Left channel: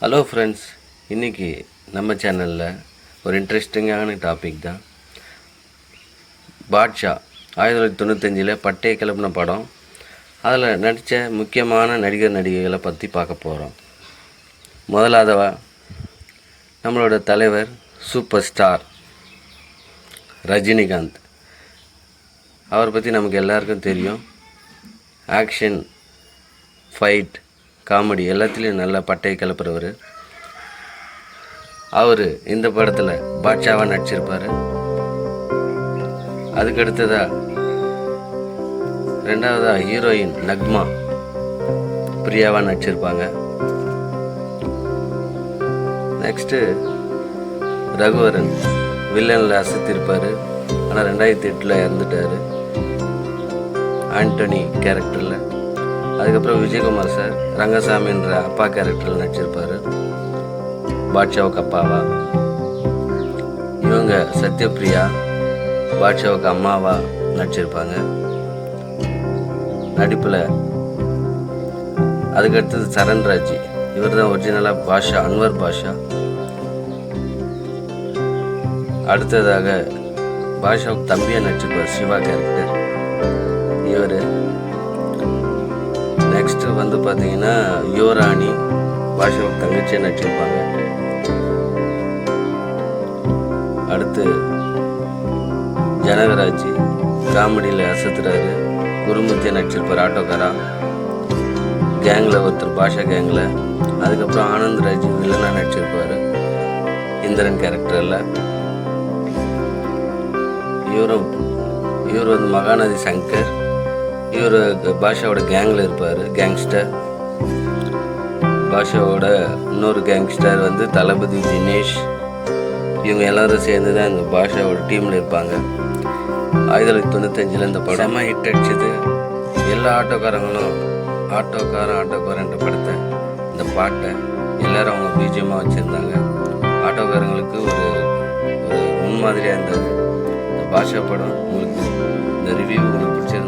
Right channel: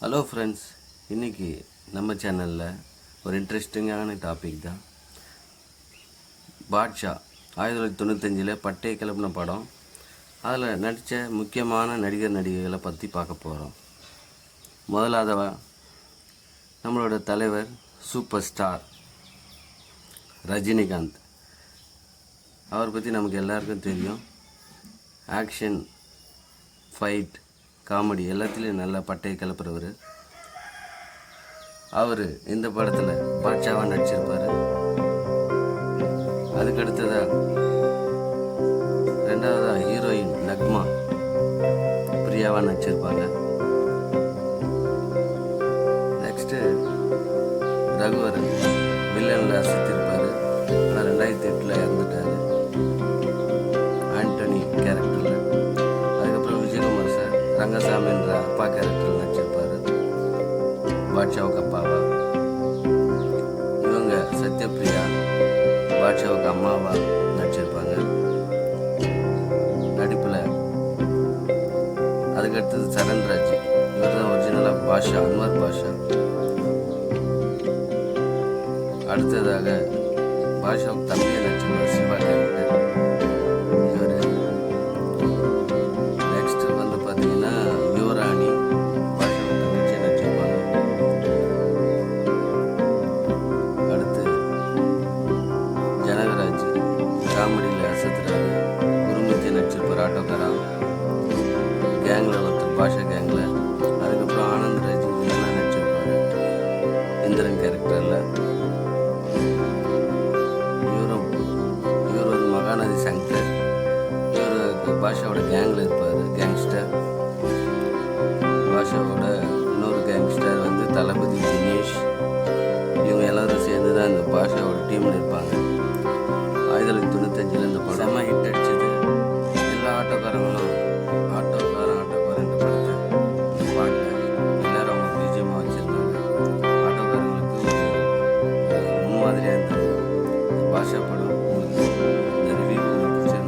Hello friends, இன்றைக்கி நம்ம சேனலில் ஒரு இன்ட்ரெஸ்டிங்கான டாபிக் தான். பாட்ஷா 1995 பட்டையை கிளப்பின படம். அதில் நடித்த முக்கியமான நடிகர் நடிகைகளை பற்றி பார்க்க போகிறோம். முதலாவதா நம்மளோட தலைவர் சூப்பர் ஸ்டார் ரஜினிகாந்த். அவரை பற்றி நமக்கு எல்லாருக்கும் தெரியும். ஆக்ஷன், ஃபைட், காமெடி எல்லாத்துலேயும் நல்லா பட்டையை கிளப்புறவர். அவர் இந்த படத்தில் பாட்ஷாவாக நடிச்சிருப்பார். அதுக்கடுத்ததாக ரெண்டாவதாக ஹீரோயின் நக்மா பிரியாவாக நடிச்சிருப்பாங்க. நெக்ஸ்ட்டு ரகுவரன் வில்லனில் அசத்திருப்பார். ஆனால் 2008 இறந்துட்டார் ஆண்டனி கேரக்டரில். அதுக்கப்புறம் விஜயகுமார் சார் ரங்கசாமி என்ற அப்பா கேரக்டரில் நடிச்சிருப்பார், பாட்ஷாவுக்கு அப்பாவா. இவங்க சத்யபிரியா பாட்ஷாவுக்கு அம்மாவா நடிச்சிருப்பாங்க நடிப்பில். அதுக்கடுத்தது சரண்ராஜ், இவர் தான் ஒரிஜினலாக பாஷா, அன்வர் பாஷா. அடுத்ததாக பாஷாவுக்கு தம்பியை நடிச்சிருப்பார் சிவா கேரக்டர் இவர். நெக்ஸ்ட்டு வந்து பார்த்தீங்கன்னா யுவராணி பாஷாவுக்கு தங்கச்சியை நடிச்சிருப்பாங்க. அடுத்து ஜனகராஜ் காமெடியில் அசத்துறாரு, குருமூர்த்தியை நடிச்சிருப்பார் ஆட்டோக்காரா. கேங்கில் ஒருத்தர் பாஷா கேங்கில். அதுக்கப்புறம் ஆனந்த்ராஜ் வில்லனாக நடிச்சிருப்பார் இந்திரன் கேரக்டரில். இவர் வந்து மகாநதி சங்கர், இவர் பாஷாவோட கேங்கில் இருப்பார், கேங்ஸ்டர். பாஷாவோட இன்னொரு கேங்ஸ்டர் வந்து தளபதி தினேஷ். இவங்க எல்லோரும் சேர்ந்து தான் இந்த பாஷாவோட டீமில் இருப்பாங்க. 1995 இந்த படம் ஹிட் அடிச்சது. எல்லா ஆட்டோக்காரங்களும் ஆட்டோக்காரன்ற படத்தை, இந்த பாட்டை எல்லோரும் அவங்க பிஜிஎம்மாக வச்சுருந்தாங்க. ஆட்டோக்காரங்களுக்கு ஒரு முன்மாதிரியாக இருந்தது இந்த பாஷா படம். உங்களுக்கு இந்த ரிவ்யூ உங்களுக்கு பிடிச்சிருந்தா